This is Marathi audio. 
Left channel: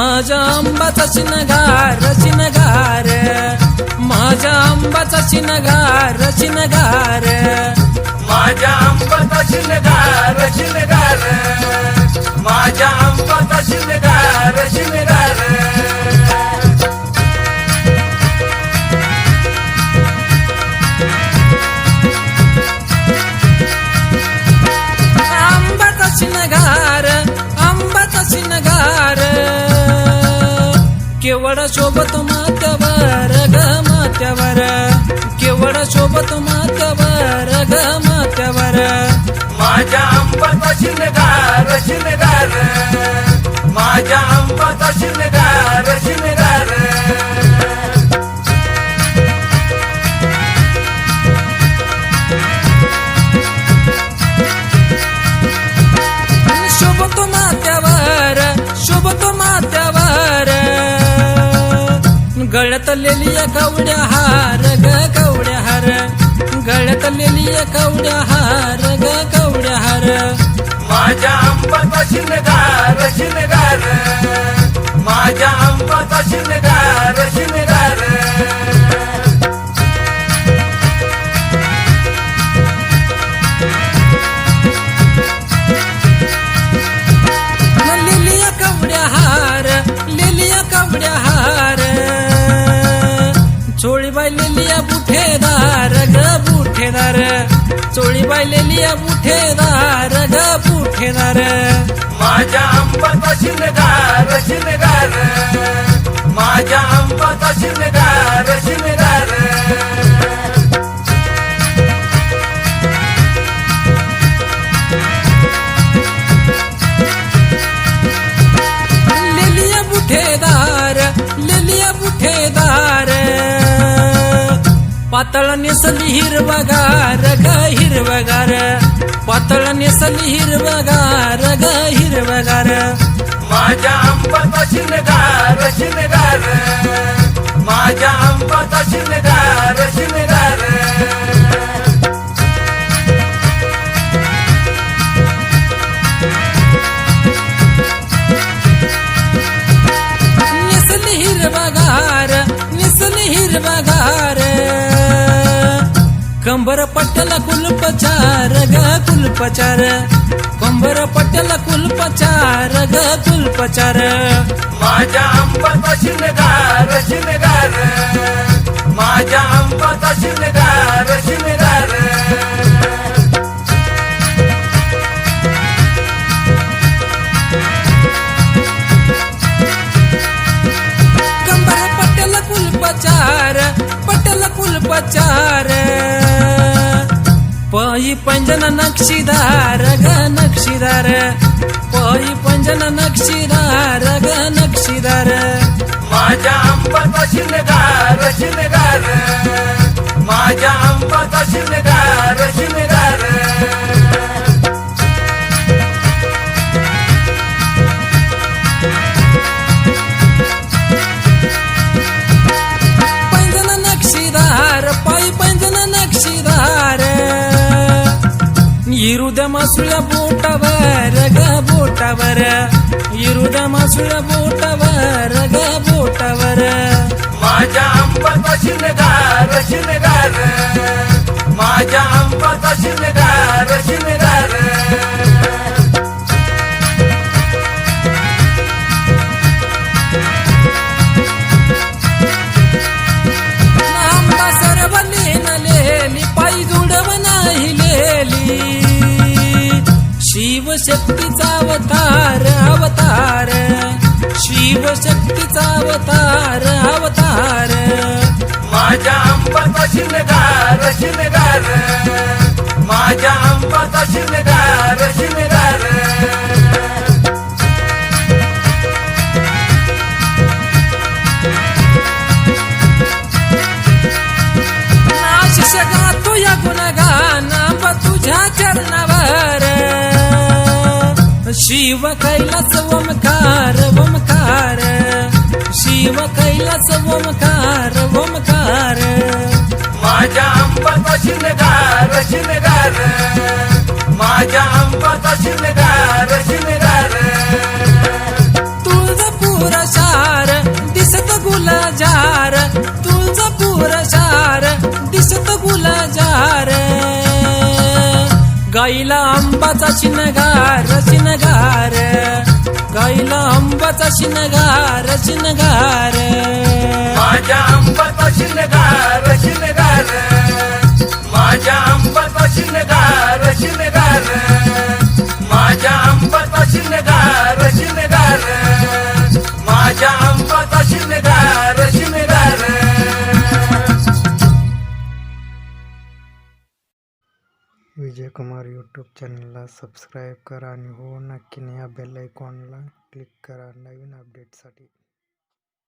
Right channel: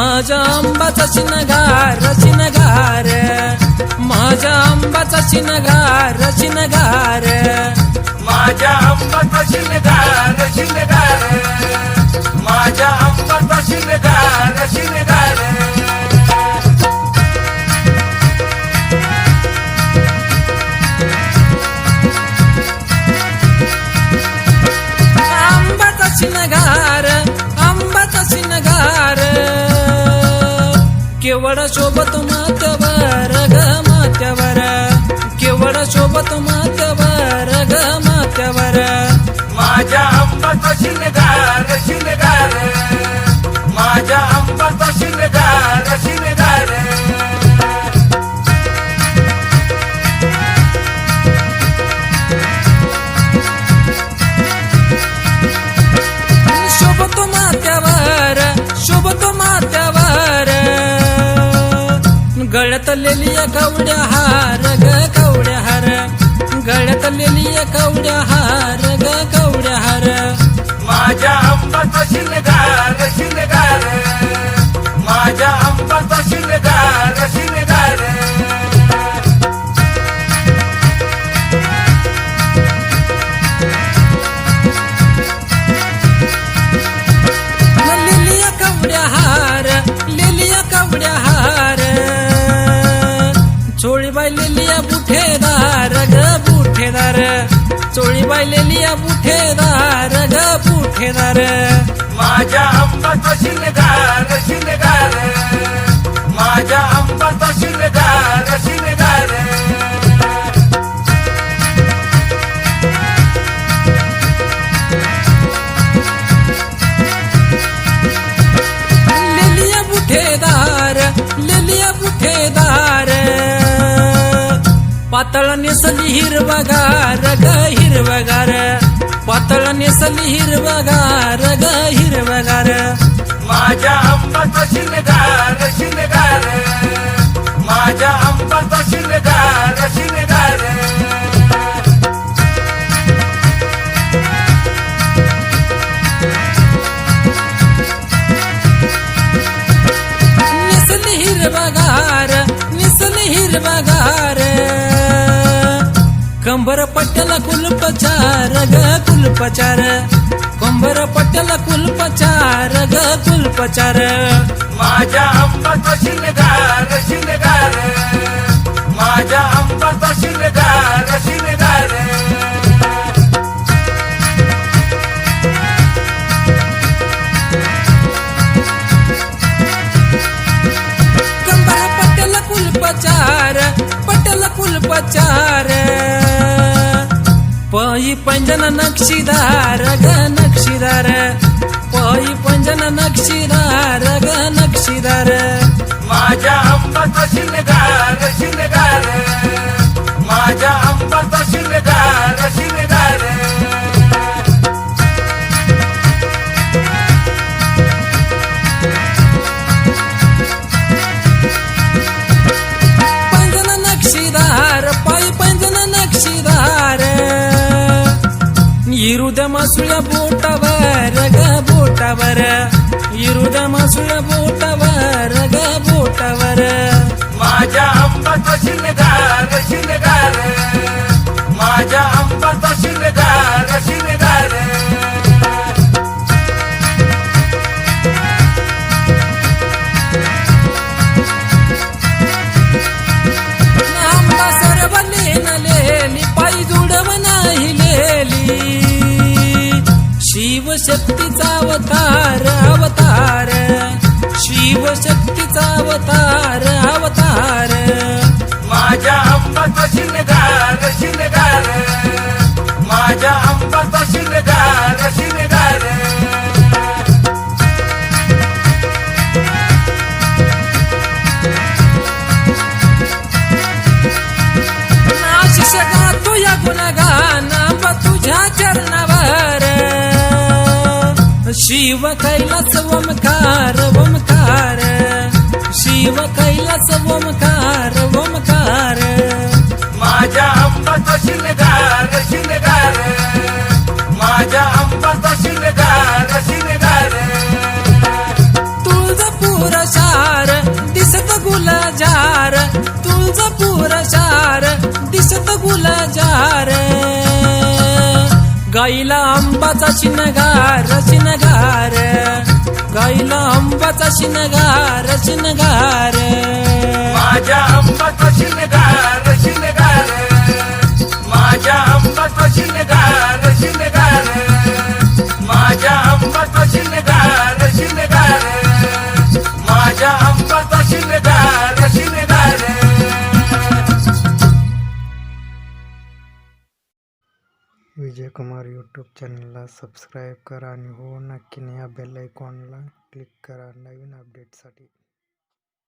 माझ्या आंबाचा शिनगार शिनगार, माझ्या आंबाचा शिनगार शिनगार, माझ्या आंबाचा शिनगार शिनगार, माझ्या आंबाचा शिनगार शिनगार. आंबाचा शिनगार आंबाचा शिनगार, केवळ शोभत माथ्यावर ग माथ्यावर, केवळ शोभत माथ्यावर ग माथ्यावर. माझ्या आंबाचा शिनगार शिनगार, माझ्या आंबाचा शिनगार शिनगार. शोभतो माथ्यावर शोभतो माथ्यावर, गळ्यात लेलिया कवड्या हार ग कवड्या हार, गळ्यात लेलिया कवड्या हार ग कवड्या हार. माझ्या आंबाचा शिनगार शिनगार, माझ्या आंबाचा शिनगार शिनगार. लेलिया कवड्या हार लेलिया कवड्या हार, चोळीबाई लेलिया बुठेदार ग बुठेदार, चोळीबाई लेलिया बुठेदार ग बुठेदार. माझ्या आंबाचा शिनगार शिनगार, माझ्या आंबाचा शिनगार शिनगार. लेलिया बुठेदार लेलिया बुठेदार, पातळ नेसली हिरवगार ग हिरवगार, पातळ नेसली हिरवगार ग हिरवगार. माझ्या आंबाचा शिनगार शिनगार, माझ्या आंबाचा शिनगार शिनगार. नेसली हिरवगार नेसली हिरवगार, कंबर पट्ट्याला कुलपचार ग कुलपचार, कंबर पट्ट्याला कुलपचार ग कुलपचार. माझ्या आंबाचा शिनगार शिनगार, माझ्या आंबाचा शिनगार शिनगार. कंबर पट्ट्याला कुलपचार पट्ट्याला कुलपचार, पही पंजन नक्षीदार ग नक्षीदार, पही पंजन नक्षीदार ग नक्षीदार. माझ्या आंबाचा शिनगार शिनगार, माझ्या आंबाचा शिनगार शिनगार. पंजन नक्षीदार पायी पंजन नक्षीदार, इरुद्या मासुळ्या बोटावर ग बोटावर, इरुद्या मासुळ्या बोटावर ग बोटावर. माझ्या आंबाचा शिनगार शिनगार, माझ्या आंबाचा शिनगार शिनगार. आंबा सरवली नलेली पायी जुडव नाही लेली, शिवशक्तीचा अवतार अवतार, शिवशक्तीचा अवतार अवतार. माझ्या आंबाचा शिनगार शिनगार, माझ्या आंबाचा शिनगार शिनगार. आशिष गातो या गुणगान आंबा तुझ्या चरणावर, शिव कैलास ओमकार ओमकार, शिव कैलास ओमकार ओमकार. माझ्या आंबाचा शिनगार शिनगार, माझ्या आंबाचा शिनगार शिनगार. तुळजापूर गुलजार गाईला आंबाचा शिनगार शिनगार गाईला आंबाचा शिनगार शिनगार माझ्या आंबाचा शिनगार शिनगार माझ्या आंबाचा शिनगार शिनगार माझ्या आंबाचा शिनगार शिनगार माझ्या आंबाचा शिनगार शिनगार विजय कुमार यूट्यूब चॅनलला सबस्क्राईब करा आणि हो नक्कीने या बेल आयकॉनला क्लिक करा नवीन अपडेटसाठी.